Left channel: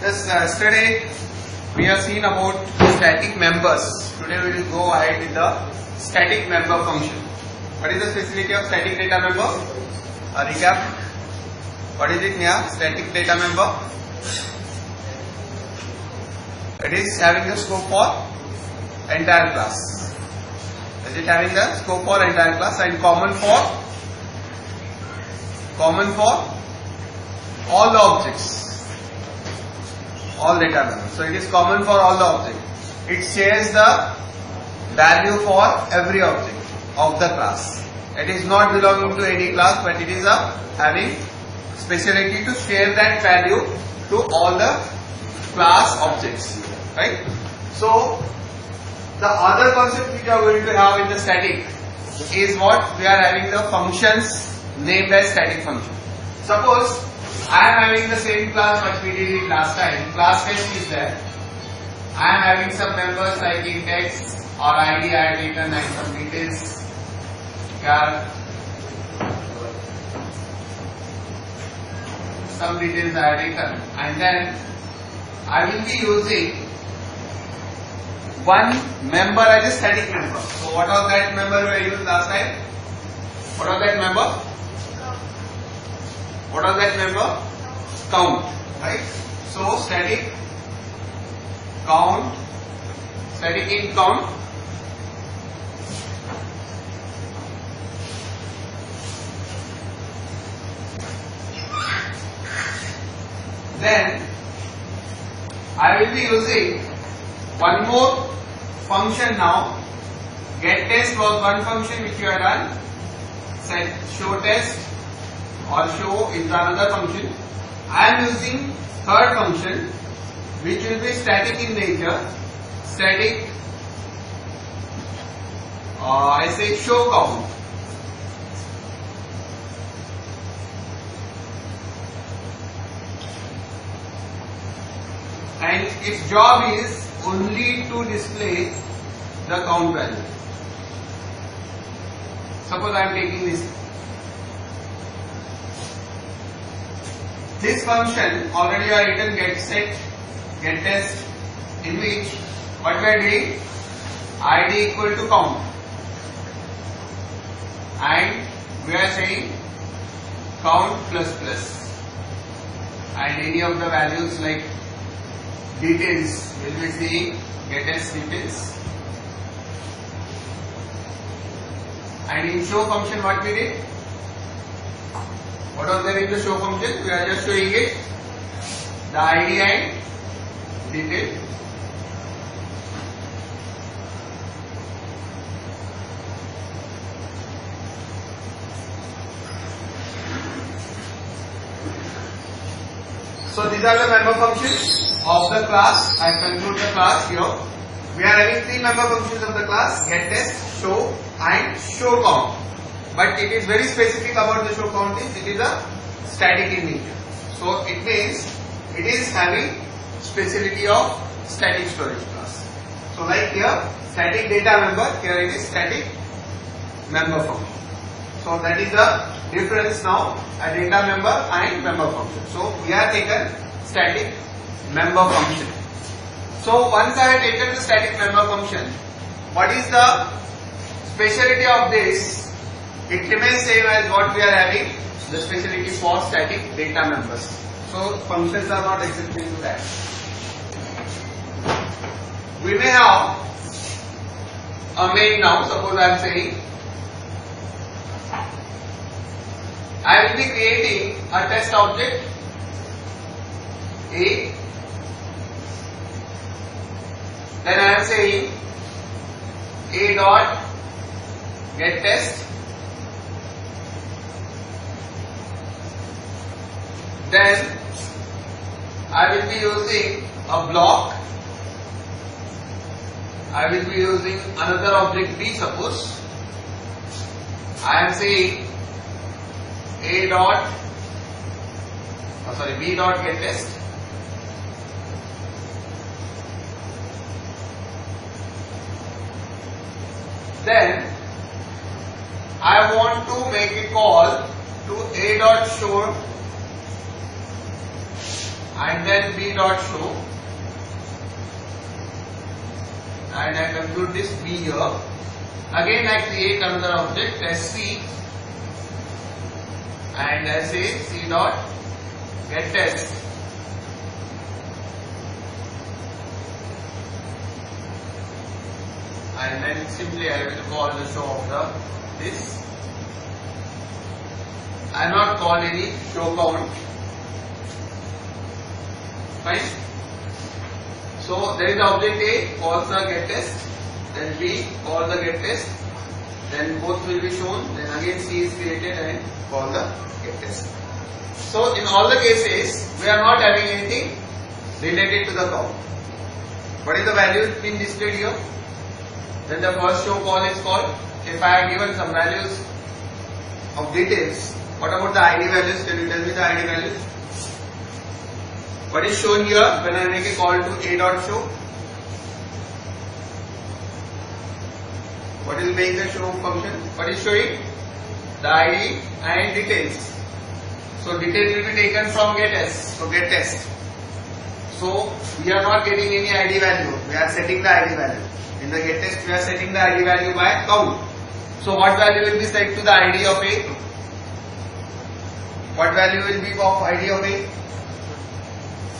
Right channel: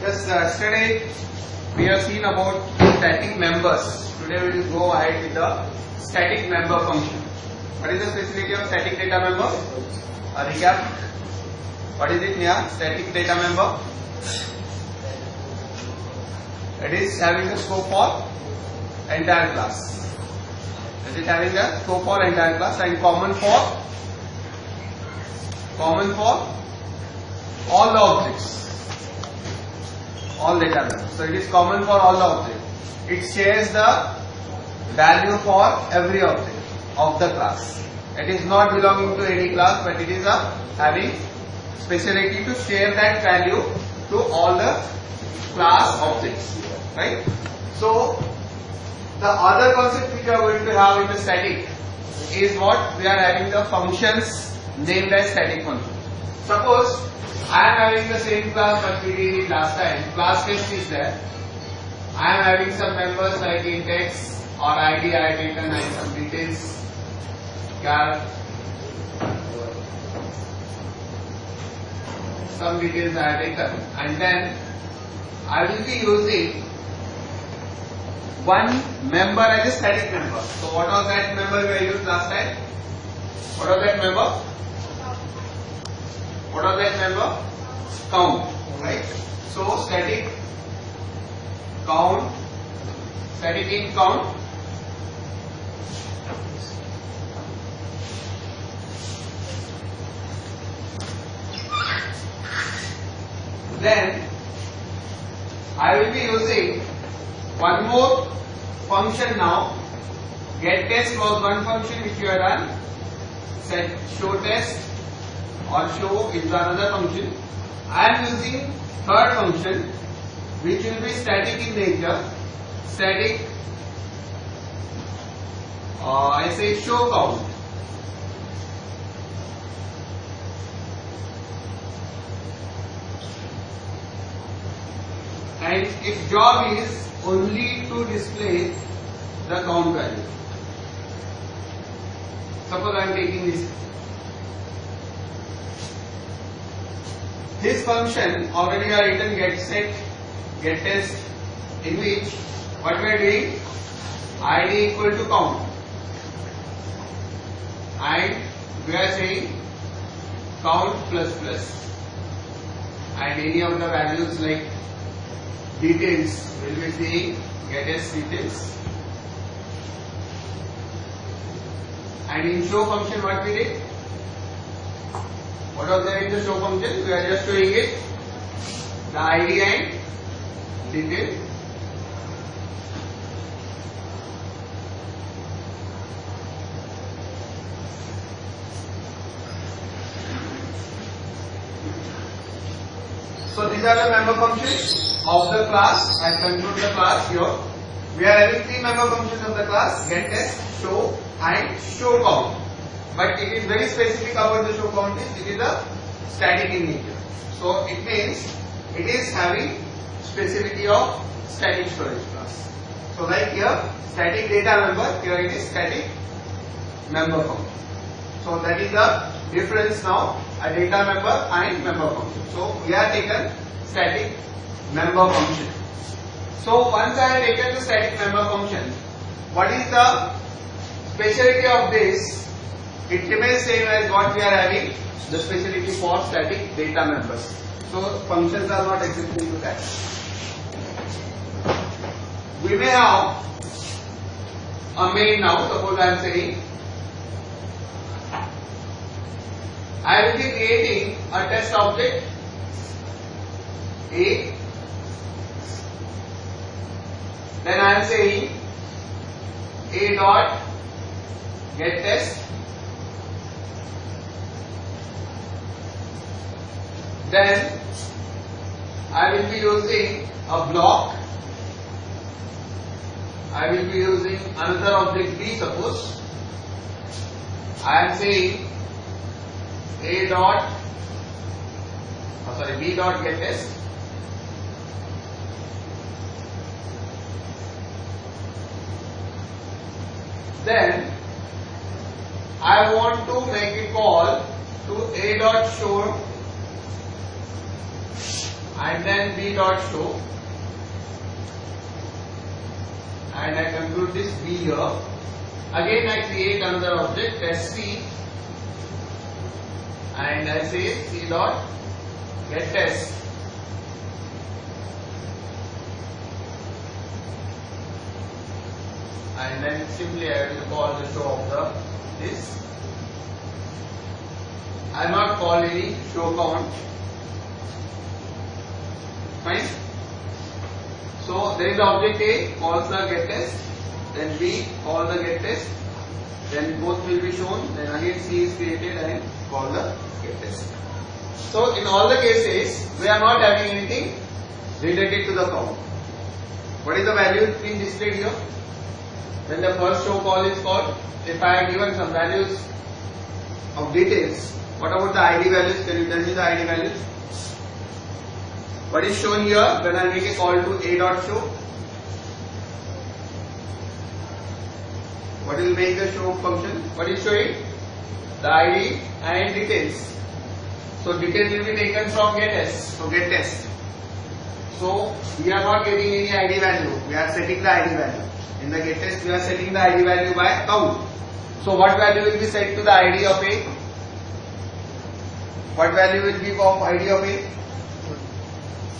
Yes, yesterday we have seen about static members. Today we will go ahead with the static member function. What is the specificity of static data member? A recap. What is it here? Static data member. It is having the scope for entire class. Is it having the scope for entire class and common for all the objects, all data members. So it is common for all the objects. It shares the value for every object of the class. It is not belonging to any class, but it is having speciality to share that value to all the class objects, right? So the other concept which we are going to have in the static is what we are having the functions named as static function. Suppose I am having the same class what we did it last time. Class test is there. I am having some members like index or ID I have taken and some details. Some details I have taken, and then I will be using one member as a static member. So what was that member we used last time? What was that member? What was that member? Count, right? So static count, static in count. Then I will be using one more function now. Get test was one function which you have run. Set show test or show is another function. I am using third function which will be static in nature. Static I say show count. And its job is only to display the count value. Suppose I am taking this function already I written get set, get test, in which what we are doing, id equal to count, and we are saying count plus plus, and any of the values like details will be saying get test details. And in show function what we did? What was there in the show function? We are just showing it the ID and detail. So these are the member functions of the class. I conclude the class here. We are having three member functions of the class: get test, show and show count. But it is very specific about the show count is it is a static in nature. So it means it is having specificity of static storage class. So like here static data member, here it is static member function. So that is the difference now, a data member and member function. So we have taken static member function. So once I have taken the static member function, what is the speciality of this? It remains same as what we are having, the speciality for static data members. So functions are not existing to that. We may have a main now. Suppose I am saying I will be creating a test object A. Then I am saying A dot get test. Then I will be using a block. I will be using another object B. Suppose I am saying A dot B dot get test. Then I want to make a call to A dot show and then b dot show, and I conclude this b here. Again I create another object as c, and I say c dot get test, and then simply I will call the show of the this. I will not call any show count. Fine. So there is the object A, calls the get test, then B call the get test, then both will be shown, then again C is created and call the get test. So in all the cases we are not having anything related to the count. What is the value being displayed here? When the first show call is called, if I have given some values of details, what about the ID values? Can you tell me the ID values? What is shown here when I make a call to a dot show? What will make the show function? What is showing? The ID and details. So details will be taken from get test. So get test. So we are not getting any ID value. We are setting the ID value. In the get test we are setting the ID value by count. So what value will be set to the ID of A? What value will be of ID of A?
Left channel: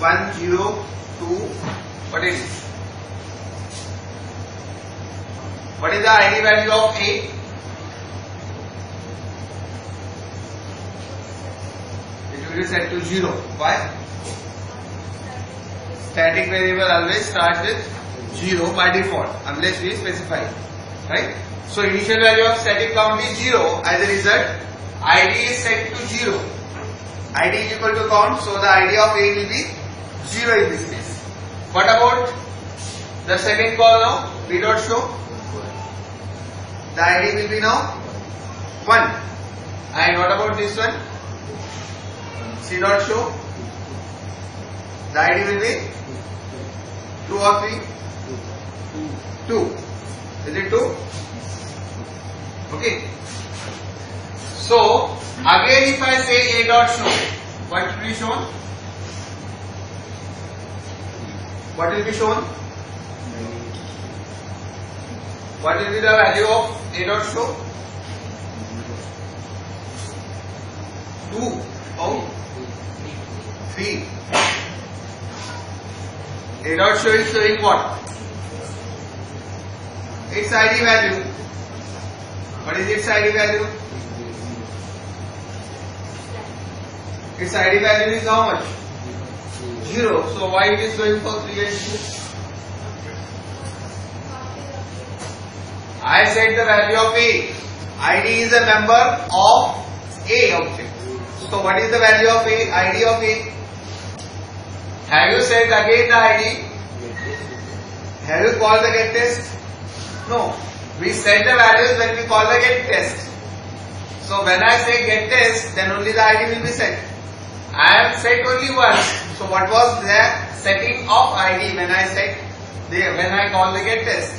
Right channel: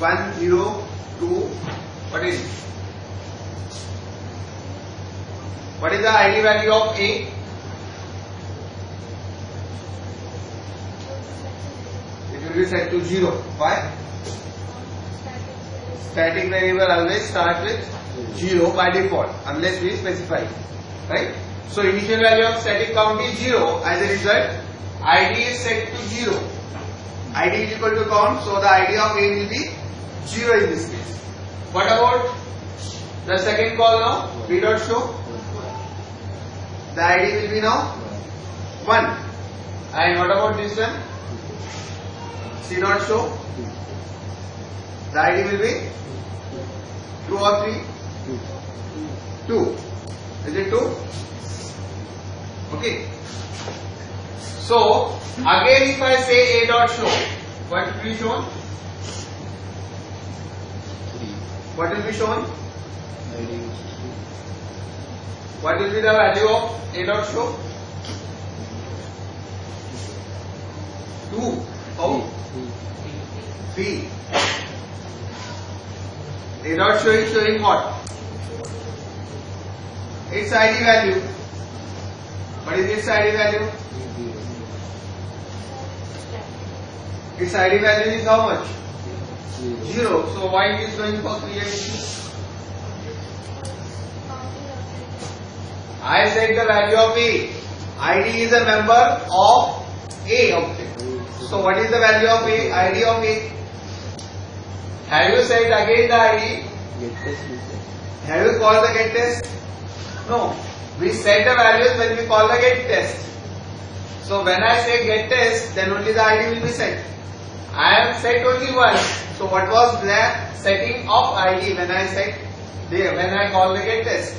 1, 0, 2, what is it? What is the ID value of A? It will be set to 0. Why? Static variable always starts with 0 by default unless we specify. Right? So initial value of static count is 0. As a result, ID is set to 0. ID is equal to count, so the ID of A will be 0 in this case. What about the second call now? B dot show. The ID will be now 1. And what about this one? C dot show. The ID will be 2 or 3? 2. Is it 2? Okay. So again if I say a dot show, what will be shown? What will be shown? What will be the value of a dot show? 2. Oh, 3. A dot show is showing what? Its ID value. What is its ID value? Its ID value is how much? 0. So why it is going for 3 and 2? I said the value of A. ID is a member of A object. So what is the value of A? ID of A. Have you said again the ID? Have you called the get test? No. We set the values when we call the get test. So when I say get test, then only the ID will be set. I have set only once. So what was the setting of ID when I set there, when I call the get test?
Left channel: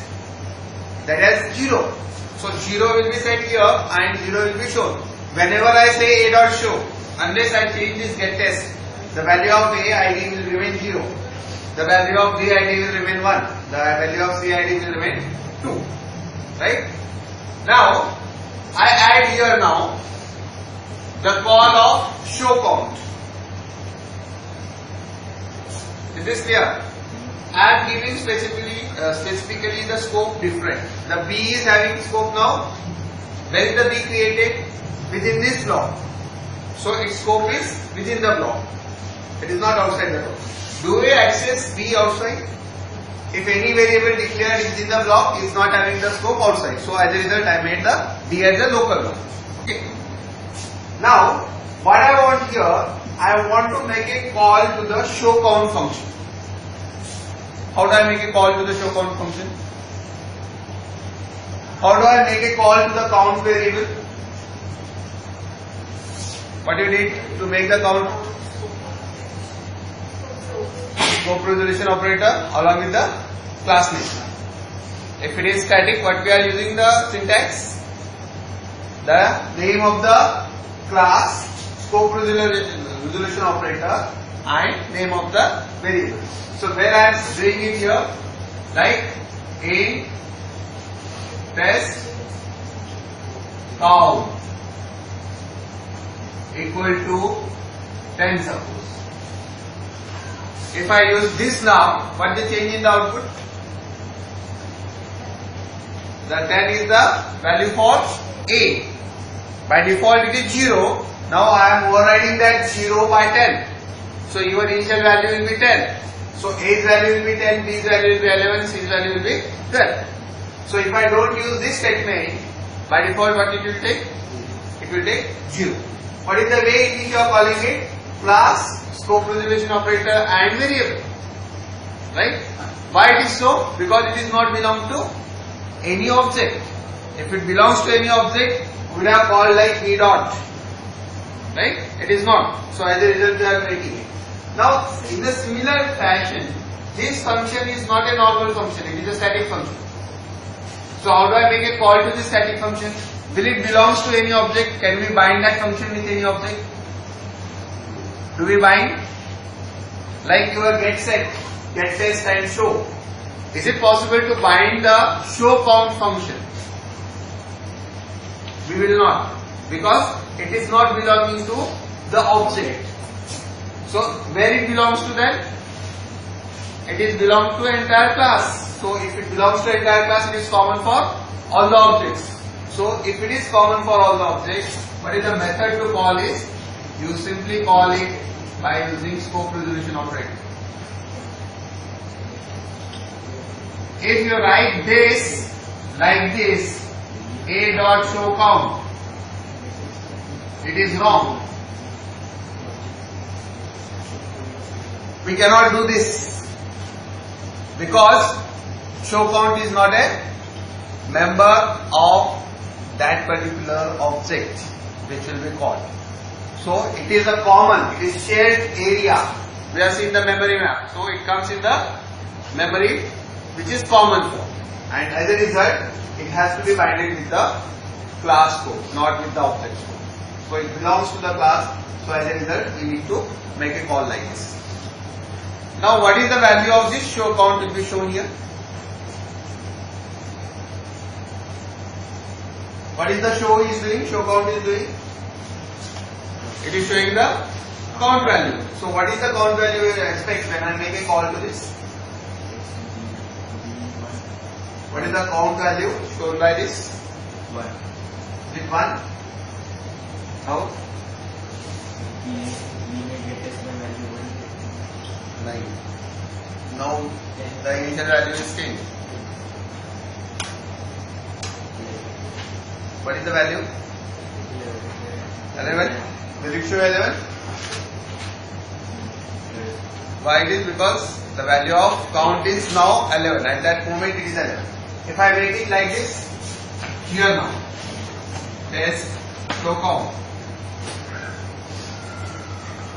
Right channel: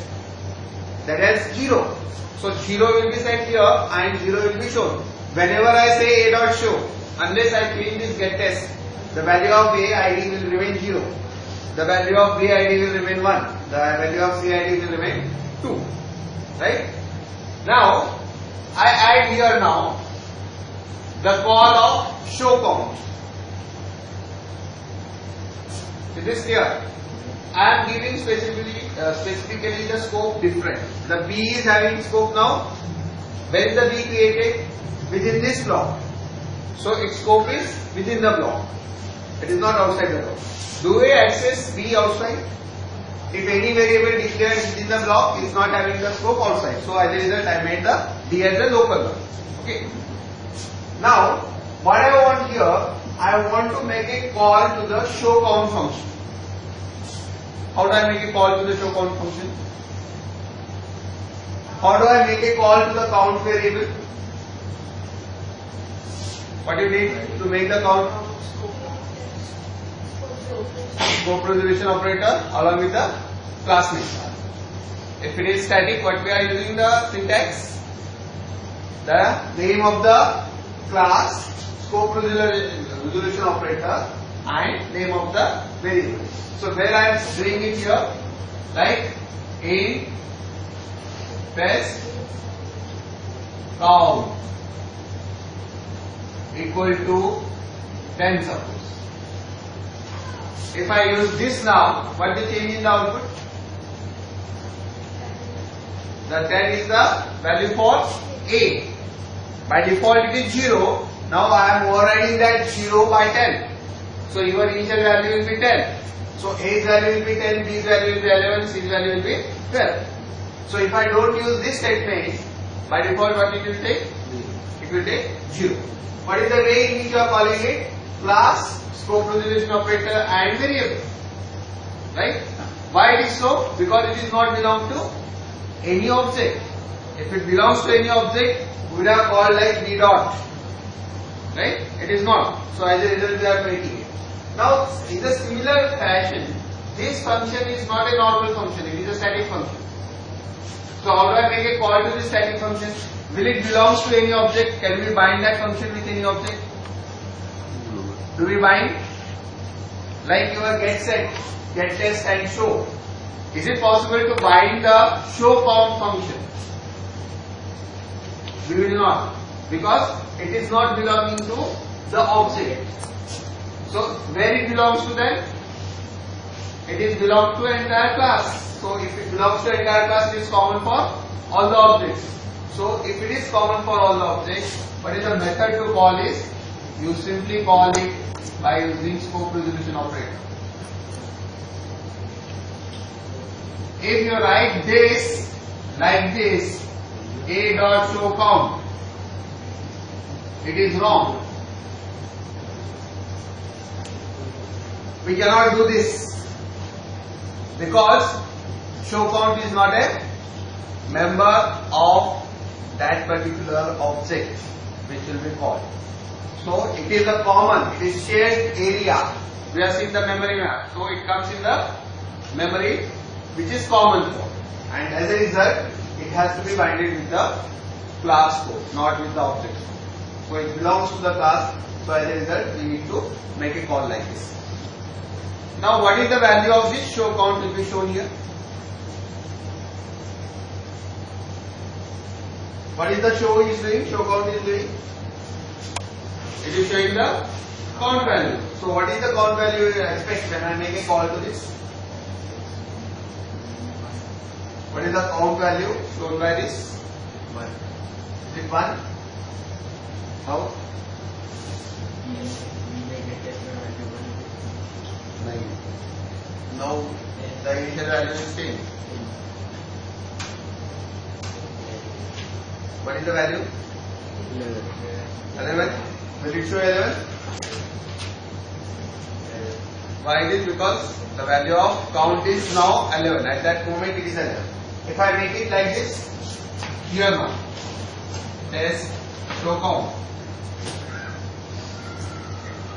That is 0. So 0 will be set here and 0 will be shown. Whenever I say a dot show, unless I change this get test, the value of A ID will remain 0. The value of B ID will remain 1. The value of C ID will remain 2. Right? Now, I add here now the call of show count. Is this clear? I am giving specifically the scope different. The B is having scope now. When is the B created? Within this block. So its scope is within the block. It is not outside the block. Do we access B outside? If any variable declared within the block is not having the scope outside. So as a result I made the D as a local one. Okay. Now what I want here, I want to make a call to the show count function. How do I make a call to the show count function? How do I make a call to the count variable? What do you need to make the count? Scope resolution operator along with the class name. If it is static, what we are using the syntax? The name of the class, scope resolution operator, and name of the variable. So where I am doing it here, like int test count equal to 10 suppose. If I use this now, what is the change in the output? The 10 is the value for A. By default it is 0. Now I am overriding that 0 by 10. So your initial value will be 10. So A's value will be 10, B's value will be 11, C's value will be 12. So if I don't use this statement, by default what it will take? It will take 0. What is the way in which you are calling it? Class, scope resolution operator and variable. Right? Why it is so? Because it is not belong to any object. If it belongs to any object, we would have called like v dot. Right? It is not. So as a result we are making it. Now in the similar fashion, this function is not a normal function, it is a static function. So how do I make a call to this static function? Will it belongs to any object? Can we bind that function with any object? Do we bind? Like your get set, get test and show. Is it possible to bind the show count function? We will not, because it is not belonging to the object. So where it belongs to then? It is belong to entire class. So if it belongs to entire class, it is common for all the objects. So if it is common for all the objects, what is the method to call is? You simply call it by using scope resolution operator. If you write this like this, a dot show count, it is wrong. We cannot do this because show count is not a member of that particular object which will be called. So it is a common, it is shared area. We have seen the memory map. So it comes in the memory which is common for. And as a result, it has to be binded with the class code, not with the object code. So it belongs to the class. So as a result, we need to make a call like this. Now what is the value of this show count will be shown here? What is the show is doing? Show count is doing? It is showing the count value. So what is the count value you expect when I make a call to this? What is the count value shown by this? 1. Is it 1? How? 9. Now the initial value is 10. What is the value? 11. Will it show 11? Why it is? Because the value of count is now 11. At that moment it is 11. If I make it like this, here now, test show count.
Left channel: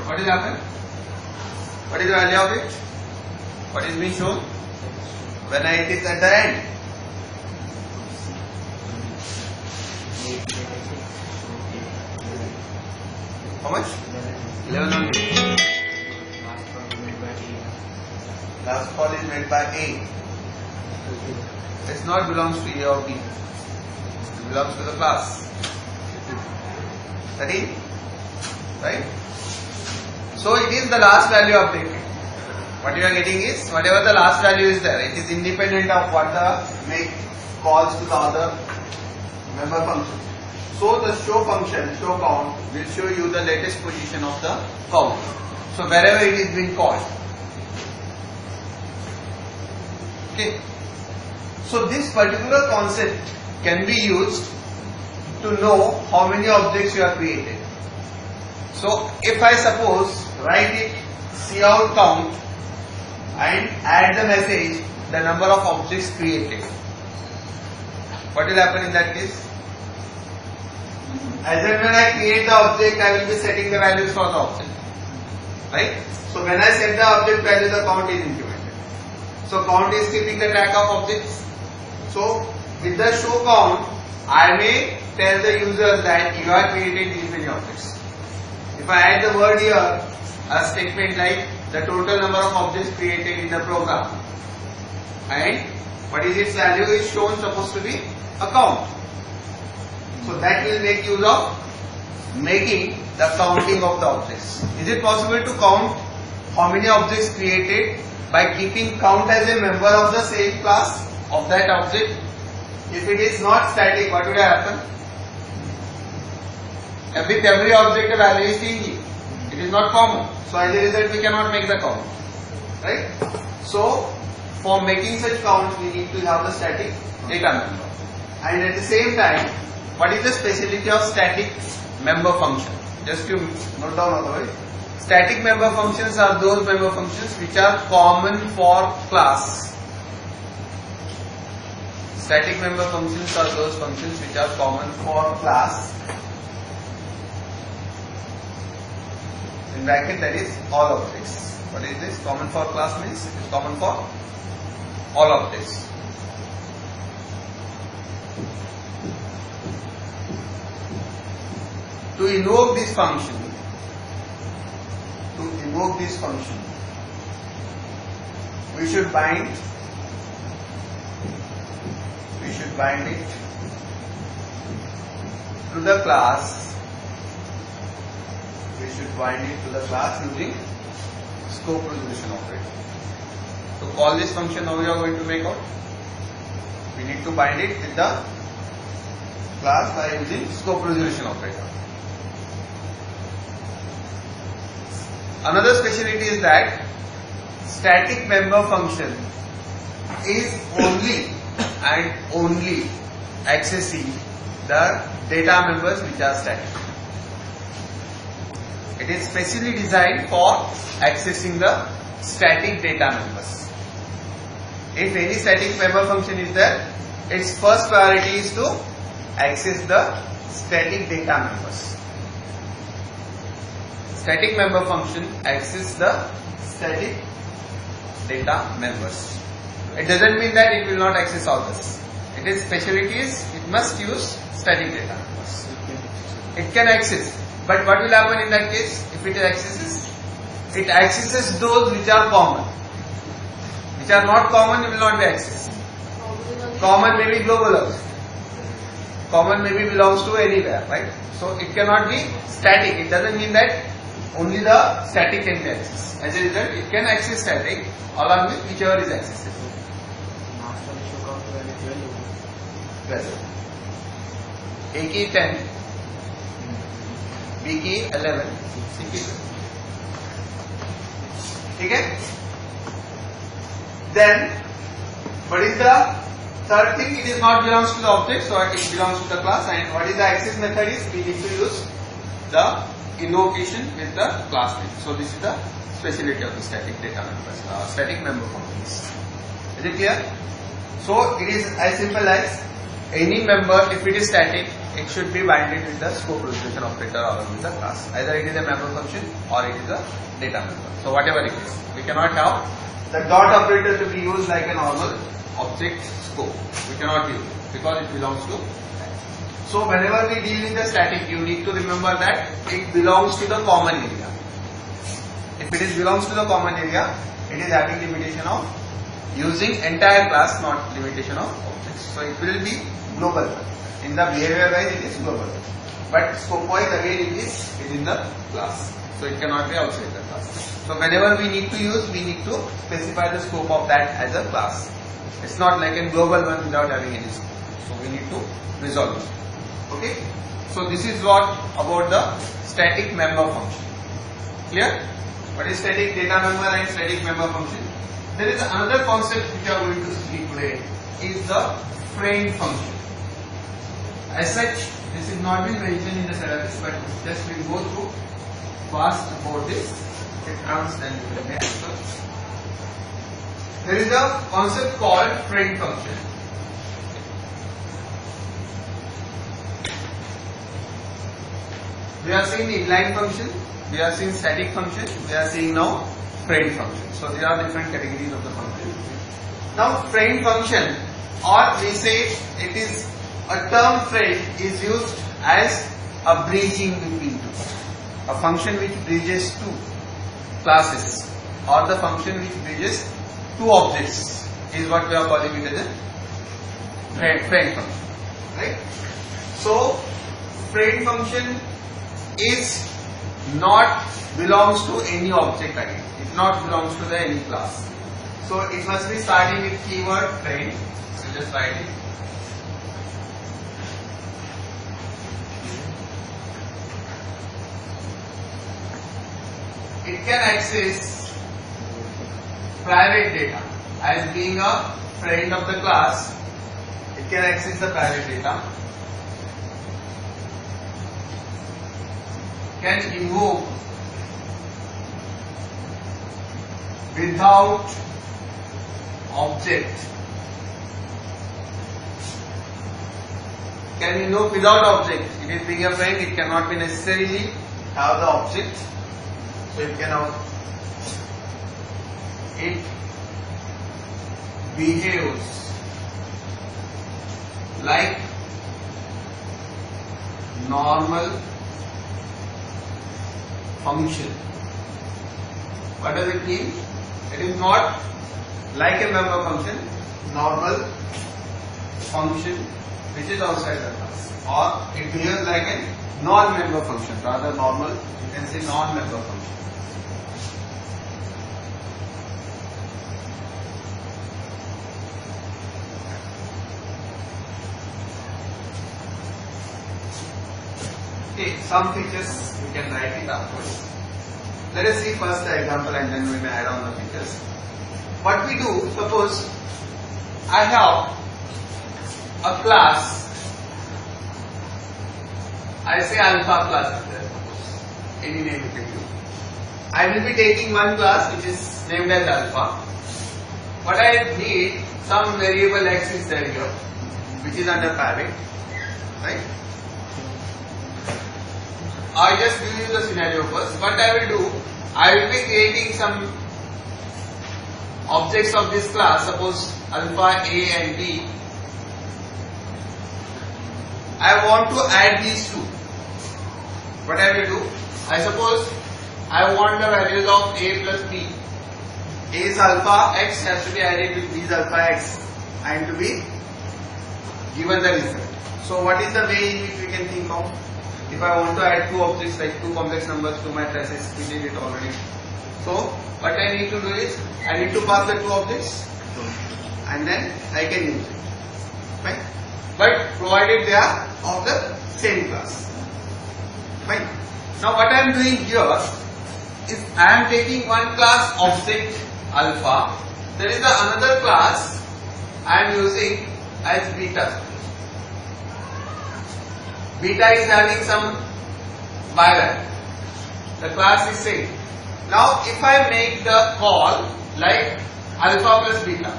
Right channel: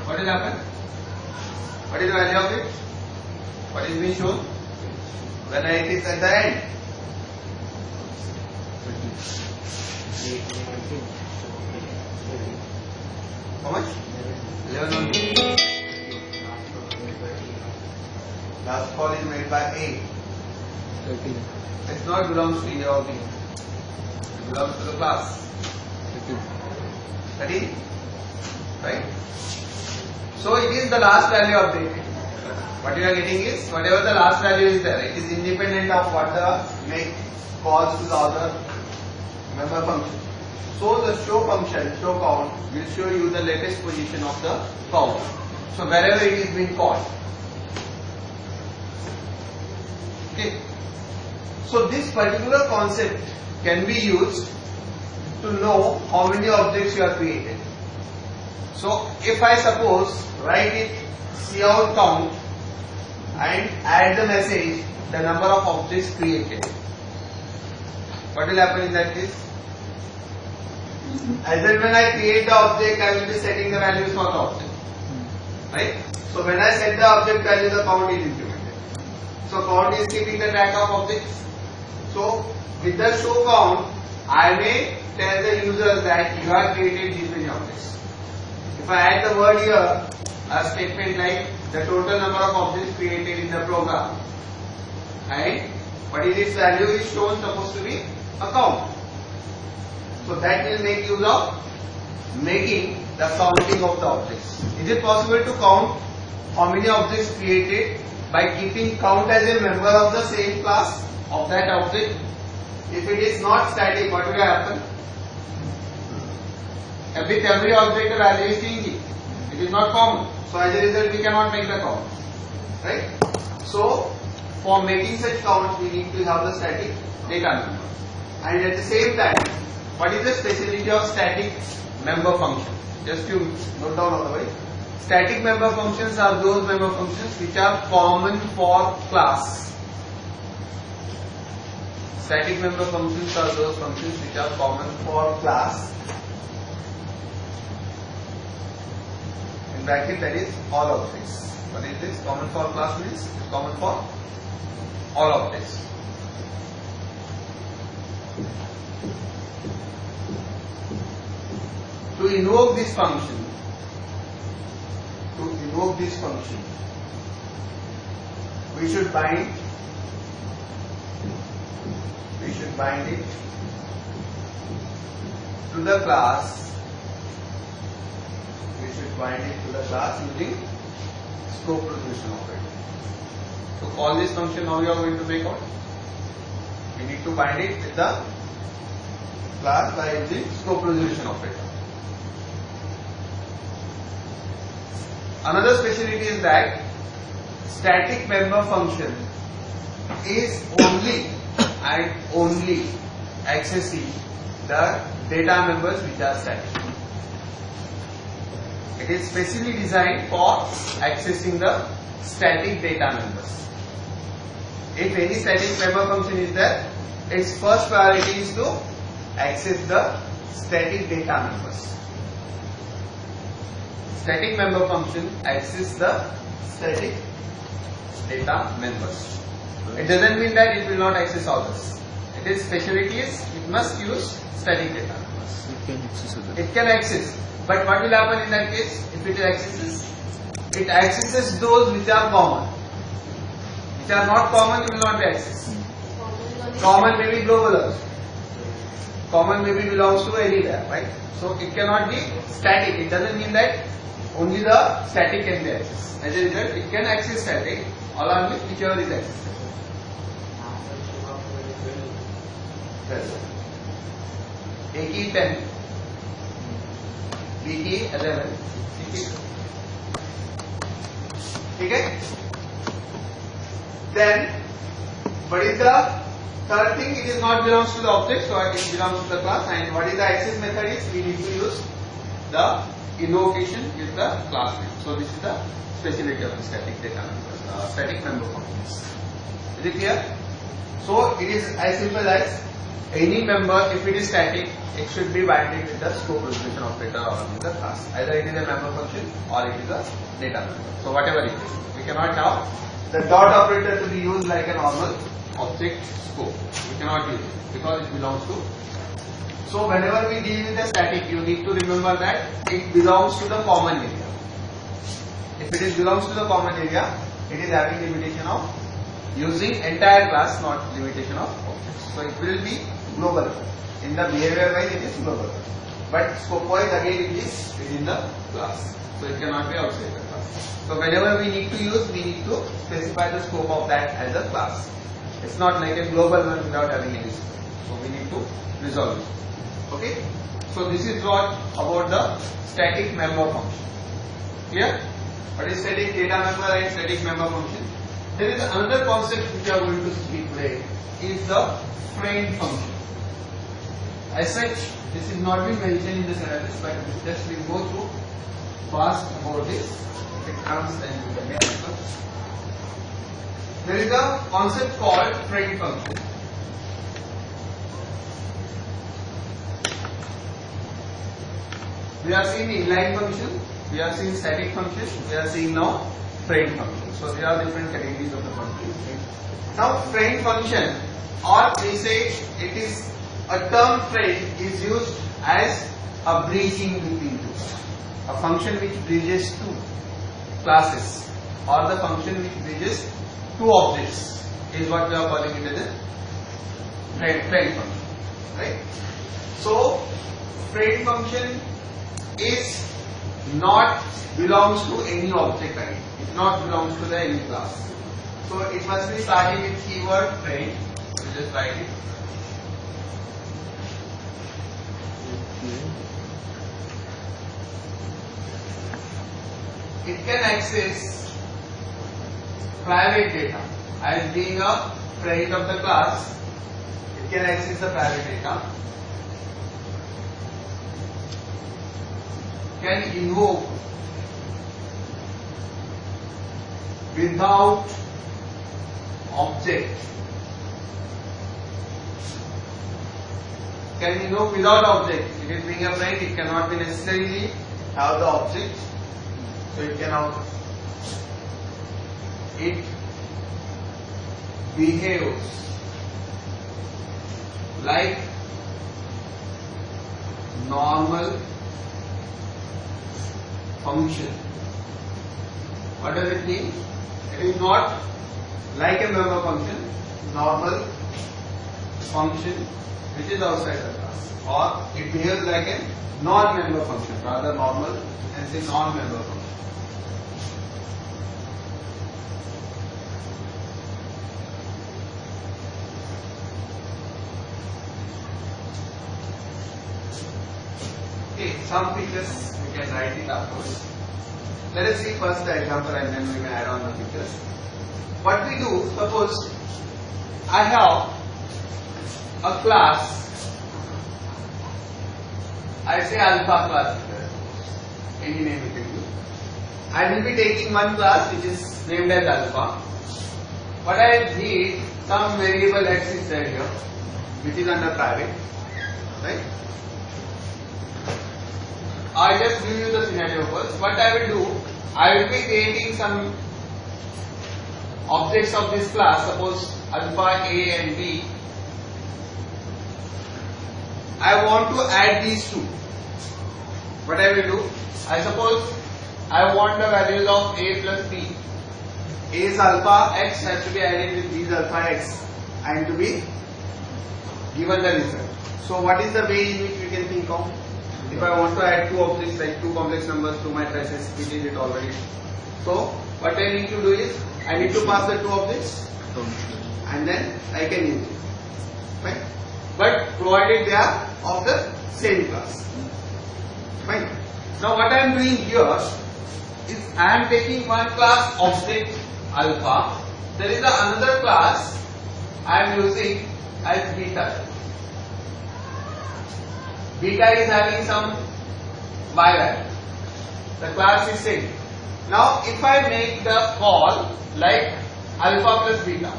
What will happen? What is the value of it? What is being shown? When it is at the end. How much? 11. Last call is made by A. It not belongs to A or B. It belongs to the class. 13. Right? So it is the last value updated. What you are getting is whatever the last value is there, it is independent of what the make calls to the other member function. So the show function, show count, will show you the latest position of the count. So wherever it is being called. Okay. So this particular concept can be used to know how many objects you have created. So if I suppose write it cout count and add the message the number of objects created, what will happen in that case? As and when I create the object, I will be setting the values for the object. Right? So when I set the object value, the count is incremented. So count is keeping the track of objects. So with the show count, I may tell the user that you have created these many objects. If I add the word here, a statement like the total number of objects created in the program, and what is its value is shown supposed to be a count. So that will make use of making the counting of the objects. Is it possible to count how many objects created by keeping count as a member of the same class of that object? If it is not static, what would happen? With every object the value is changing. It is not common. So as a result we cannot make the count. Right? So for making such counts we need to have the static data member. And at the same time, what is the speciality of static member function? Just to note down otherwise. Static member functions are those member functions which are common for class. Static member functions are those functions which are common for class. In bracket, that is all objects. What is this? Common for class means it's common for all objects. To invoke this function, we should bind it to the class. We should bind it to the class using scope resolution operator. To call this function, now we are going to make out. We need to bind it with the class by using scope resolution operator. Another speciality is that static member function is only and only accessing the data members which are static. It is specially designed for accessing the static data members. If any static member function is there, its first priority is to access the static data members. Static member function accesses the static data members. It doesn't mean that it will not access all this. It is specialties, it must use static data members. It can access. But what will happen in that case? If it accesses, it accesses those which are common. Which are not common, it will not be accessed. Common may be global also. Common maybe belongs to anywhere, right? So it cannot be static. It doesn't mean that only the static can be accessed. As a result, it can access static along with whichever is accessed. Yes. A key 10, B key 11, C key 2. Okay? Then, what is the third thing? It is not belongs to the object, so it belongs to the class. And what is the access method is? We need to use the invocation with the class name. So this is the speciality of the static data members, static member functions. Is it clear? So it is as simple as any member, if it is static, it should be binded with the scope resolution operator along with the class. Either it is a member function or it is a data member. So whatever it is, we cannot have the dot operator to be used like a normal object scope. We cannot use it because it belongs to. So whenever we deal with the static, you need to remember that it belongs to the common area. If it is belongs to the common area, it is having limitation of using entire class, not limitation of objects. So it will be global. In the behavior wise, it is global. But scope wise, again it is within the class. So it cannot be outside the class. So whenever we need to use, we need to specify the scope of that as a class. It's not like a global one without having any scope. So we need to resolve it. Okay? So this is what about the static member function. Clear? What is static data member and static member function? There is another concept which we are going to see today, is the friend function. As such, this is not been mentioned in the syllabus, but just we will go through fast about this. It comes and we will answer. There is a concept called friend function. We are seeing inline function, we are seeing static function, we are seeing now friend function. So there are different categories of the function. Now friend function, or we say it is a term friend is used as a bridging between two. A function which bridges two. classes or the function which bridges two objects is what we are calling it as a friend function, right? So friend function is not belongs to any object again. It not belongs to the any class. So it must be starting with keyword friend. So just write it. It can access private data as being a friend of the class. It can access the private data. Can invoke without object. Can invoke without object. It is being a friend. It cannot be necessarily have the object. So it can it behaves like normal function. What does it mean? It is not like a member function, normal function which is outside the class, or it behaves like a non-member function, rather normal, you can say non-member function. Okay, some features we can write it afterwards. Let us see first the example and then we may add on the features. What we do, suppose I have a class, I say alpha class is there, suppose, any name we can give. I will be taking one class which is named as alpha. What I need, some variable x is there here, which is under private, right? I just give you the scenario first. What I will do, I will be creating some objects of this class, suppose alpha, a and b. I want to add these two. What I will do, I suppose I want the values of a plus b. A is alpha, x has to be added with b is alpha x and to be given the result. So what is the way in which we can think of? If I want to add two objects like two complex numbers to my traces, we did it already. So what I need to do is, I need to pass the two objects and then I can use it, right? But provided they are of the same class, right? Now what I am doing here is I am taking one class object alpha. There is another class I am using as beta. Beta is having some y value. The class is same. Now if I make the call like alpha plus beta,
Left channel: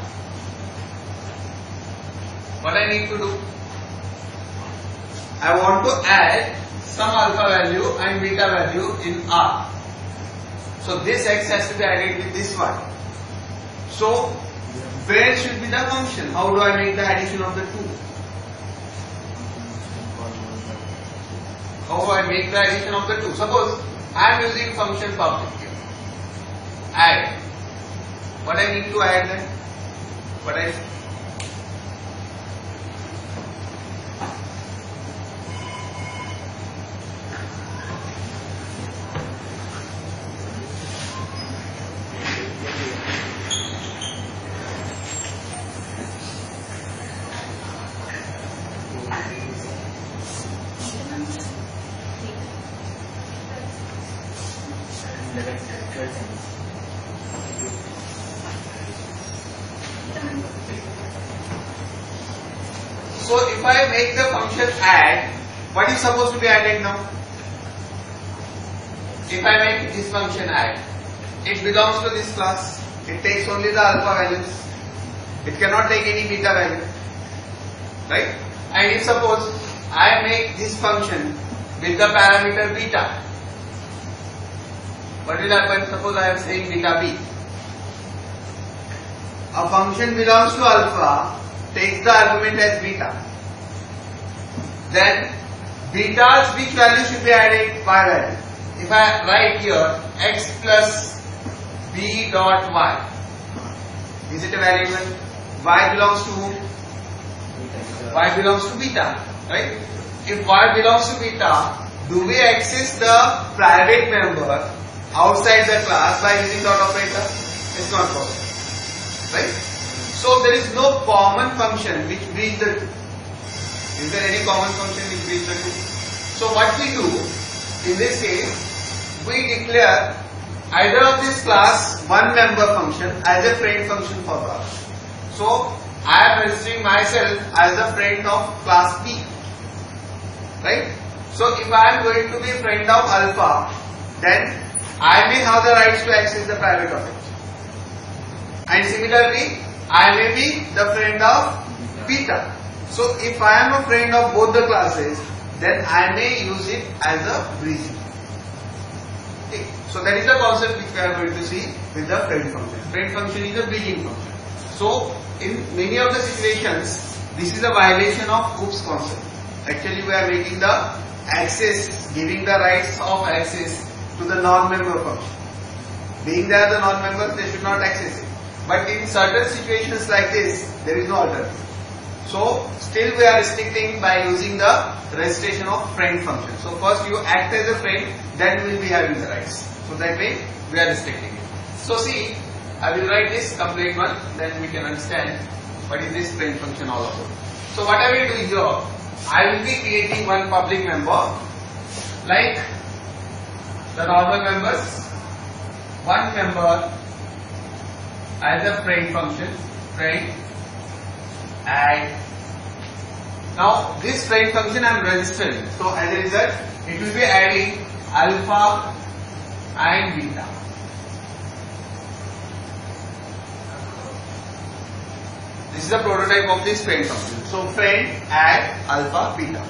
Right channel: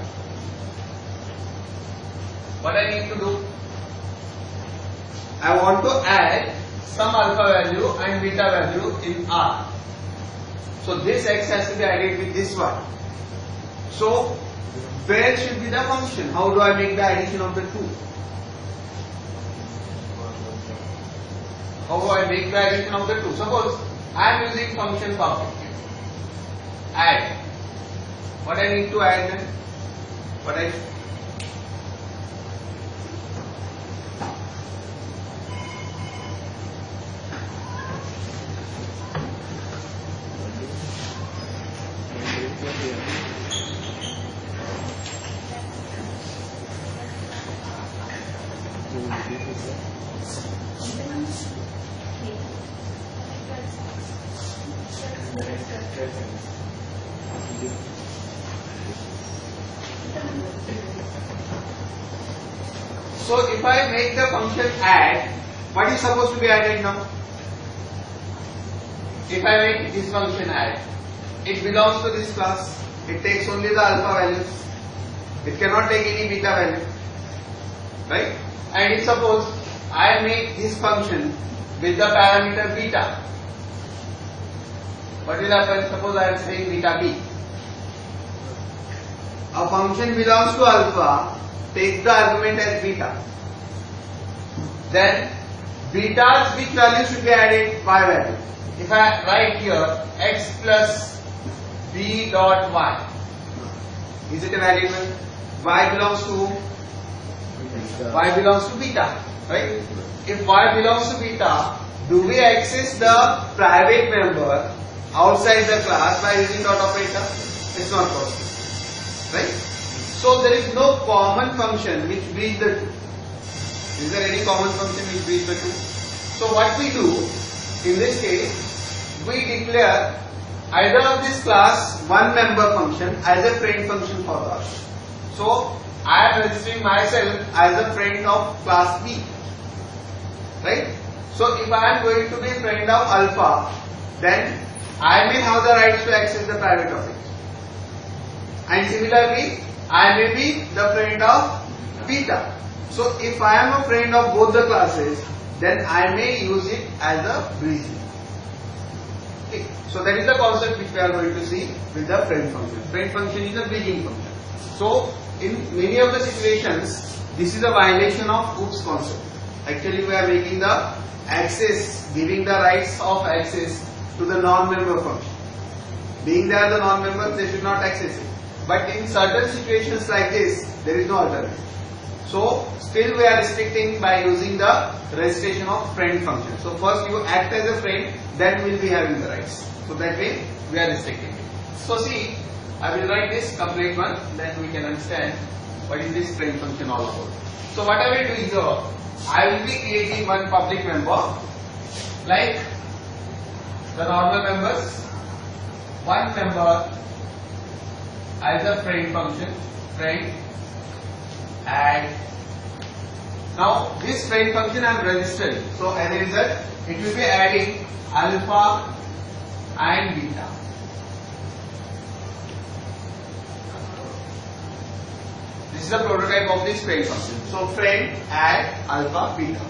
what I need to do? I want to add some alpha value and beta value in R. So this x has to be added with this y. So where should be the function? How do I make the addition of the two? How do I make the addition of the two? Suppose I am using function objective. Add. What I need to add then? What I So if I make the function add, what is supposed to be added now? If I make this function add, it belongs to this class. It takes only the alpha values. It cannot take any beta value, right? And if suppose I make this function with the parameter beta, what will happen? Suppose I am saying beta b. A function belongs to alpha, takes the argument as beta. Then beta's which value should be added? Y value. If I write here x plus b dot y. Is it a variable? Y belongs to whom? Y belongs to beta, right? If y belongs to beta, do we access the private member outside the class by using dot operator? It's not possible, right? So there is no common function which bridges the two. Is there any common function which bridges the two? So what we do in this case, we declare either of this class one member function as a friend function for us. So I am registering myself as a friend of class B, right? So if I am going to be friend of alpha, then I may have the rights to access the private of it. And similarly, I may be the friend of beta. So if I am a friend of both the classes, then I may use it as a bridging. Okay. So that is the concept which we are going to see with the friend function. Friend function is a bridging function. So in many of the situations, this is a violation of OOPS concept. Actually, we are making the access, giving the rights of access to the non-member function. Being they are the non-members, they should not access it. But in certain situations like this, there is no alternative. So still we are restricting by using the registration of friend function. So first you act as a friend, then we will be having the rights. So that way we are restricting it. So see, I will write this complete one, then we can understand what is this friend function all about. So what I will do is here, I will be creating one public member like the normal members, one member as a friend function, friend, and now this friend function I am registering. So as a result, it will be adding alpha and beta. This is a prototype of this friend function. So friend add alpha beta,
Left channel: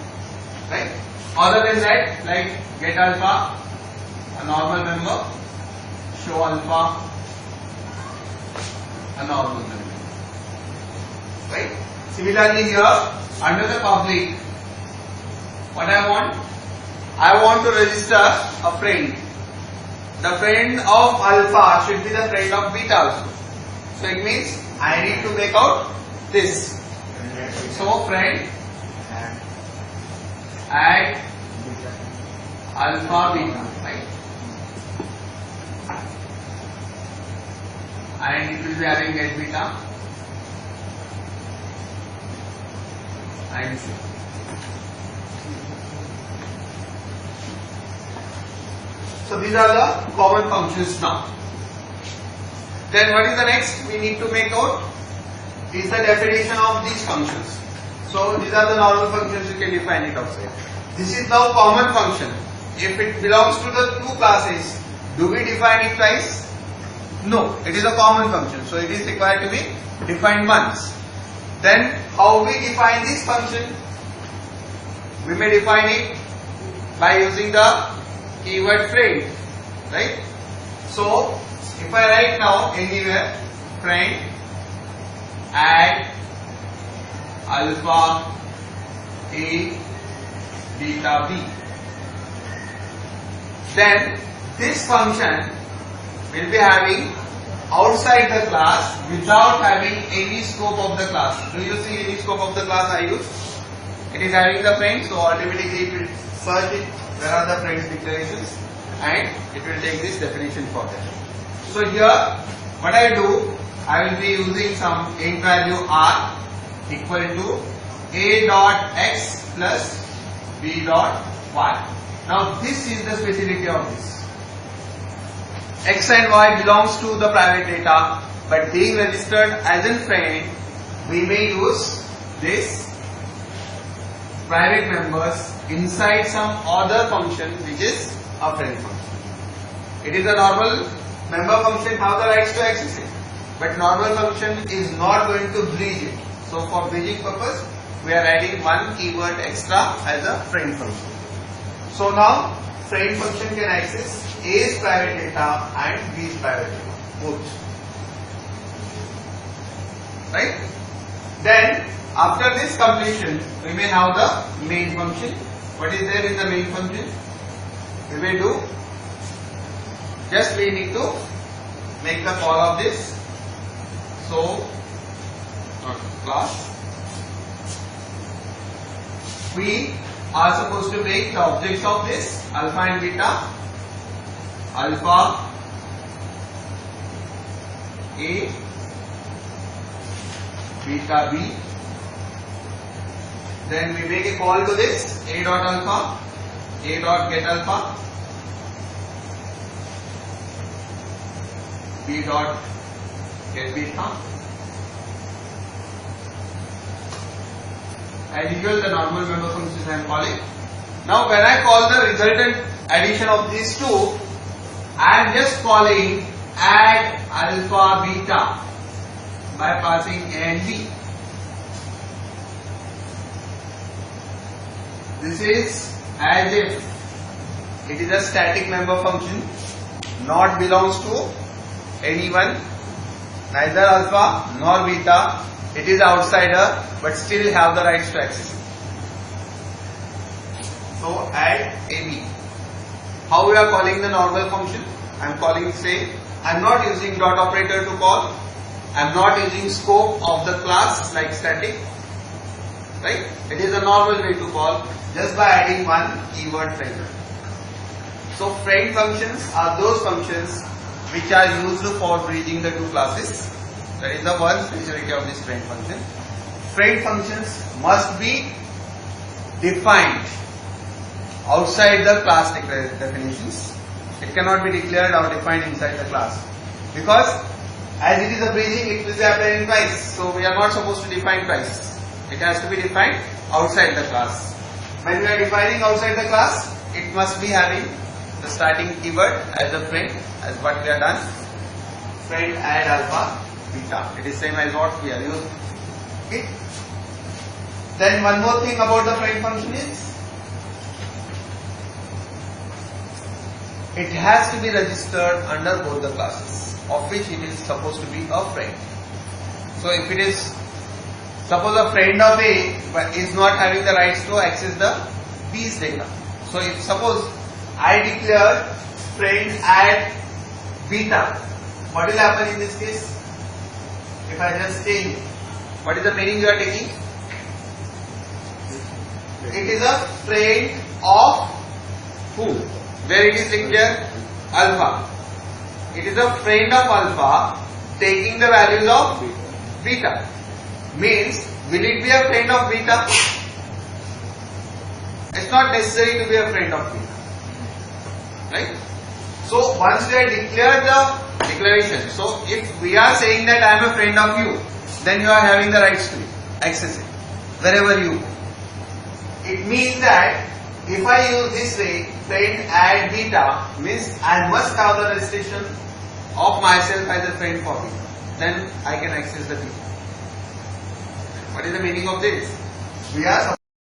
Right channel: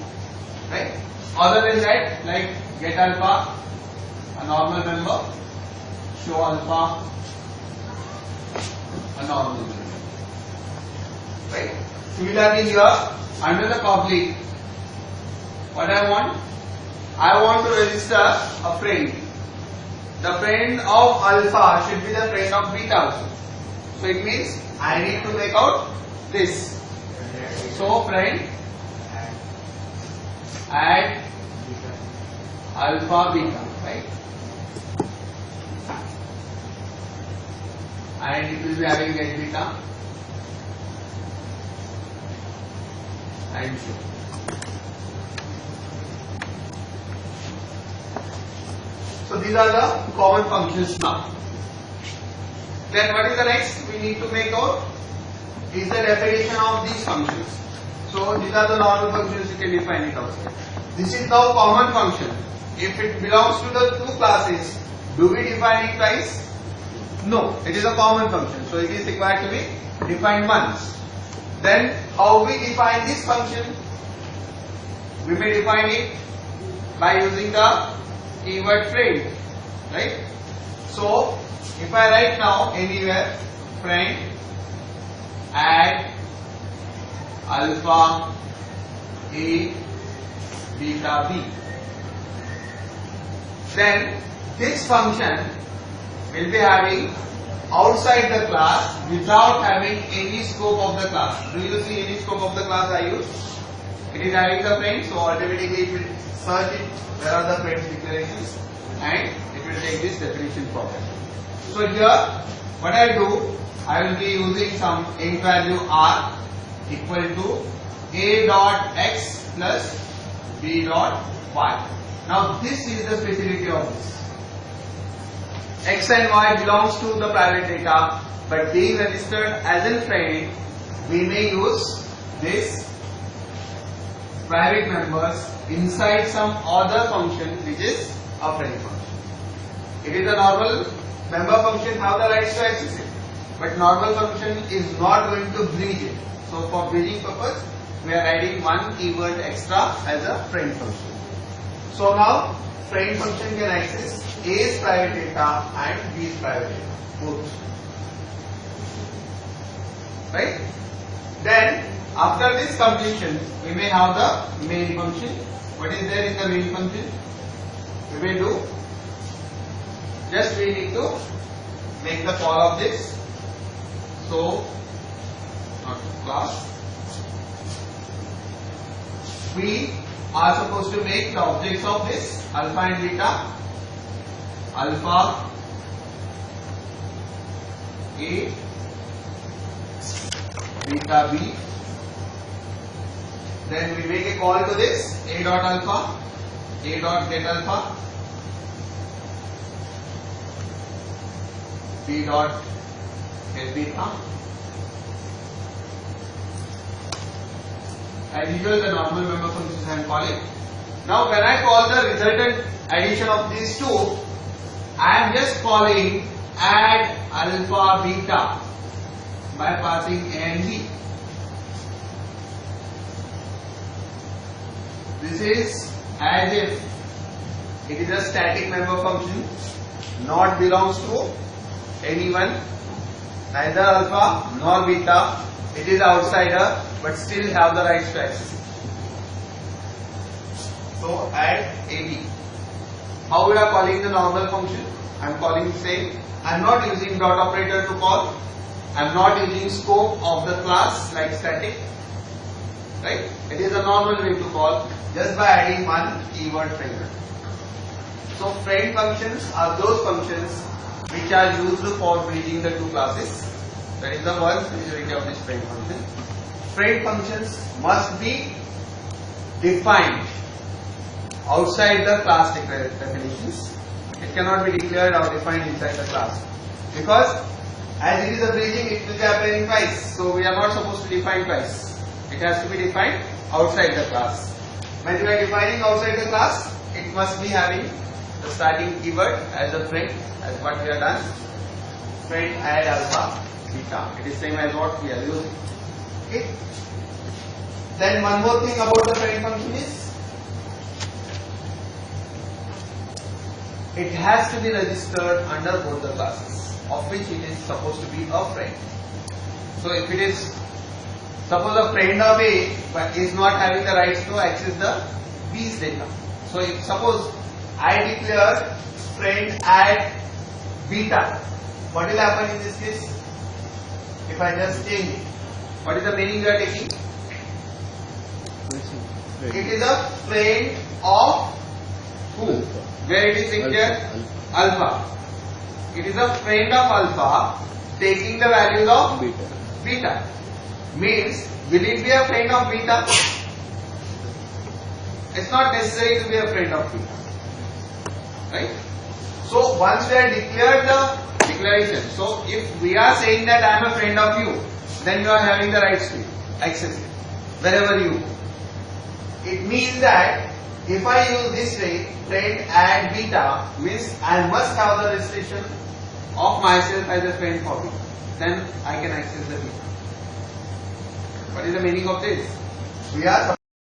right? Other than that, like get alpha, a normal member, show alpha, a normal member, right? Similarly here, under the public, what I want to register a friend. The friend of alpha should be the friend of beta also. So it means I need to make out this. So friend add alpha beta, right? And it will be having get beta and show. So these are the common functions now. Then what is the next we need to make out is the definition of these functions. So these are the normal functions, you can define it outside. This is now common function. If it belongs to the two classes, do we define it twice? No, it is a common function, so it is required to be defined once. Then how we define this function? We may define it by using the keyword friend, right? So if I write now anywhere friend add alpha A beta B, then this function will be having outside the class without having any scope of the class. Do you see any scope of the class I use? It is having the friend, so automatically it will search it where are the friends declarations and it will take this definition for that. So here what I do, I will be using some int value r equal to a dot x plus b dot y. Now this is the speciality of this. X and Y belongs to the private data, but being registered as a friend, we may use this private members inside some other function which is a friend function. It is a normal member function, have the rights to access it, but normal function is not going to bridge it. So for bridging purpose, we are adding one keyword extra as a friend function. So now friend function can access A's private data and B's private data, both. Right? Then after this completion, we may have the main function. What is there in the main function? We will do, just we need to make the call of this. So, not class. We are supposed to make the objects of this alpha and beta. Alpha A, beta B. Then we make a call to this A dot alpha, A dot get alpha, B dot get beta. As usual, the normal member functions I am calling. Now, when I call the resultant addition of these two, I am just calling add alpha beta by passing A and B. This is as if it is a static member function, not belongs to anyone, neither alpha nor beta. It is outsider, but still have the rights to access. So add AB. How we are calling the normal function? I am calling same. I am not using dot operator to call. I am not using scope of the class like static. Right? It is a normal way to call just by adding one keyword friend. So friend functions are those functions which are used for bridging the two classes. That is the one speciality of this friend function. Friend functions must be defined outside the class definitions. It cannot be declared or defined inside the class, because as it is a bridging, it will be appearing twice. So we are not supposed to define twice. It has to be defined outside the class. When we are defining outside the class, it must be having the starting keyword as a friend, as what we have done. Friend add alpha beta. It is same as what we are using. Okay. Then one more thing about the friend function is it has to be registered under both the classes of which it is supposed to be a friend. So if it is suppose a friend of A but is not having the rights to access the B's data. So if suppose I declare friend add beta, what will happen in this case? If I just change it, what is the meaning you are taking? It is a friend of who? Where it is declared alpha. It is a friend of alpha taking the values of beta. Means, will it be a friend of beta? It's not necessary to be a friend of beta. Right? So, once we have declared the declaration, so if we are saying that I am a friend of you, then you are having the rights to access it wherever you go. It means that if I use this way, friend add beta, means I must have the registration of myself as a friend for beta. Then I can access the beta. What is the meaning of this? We are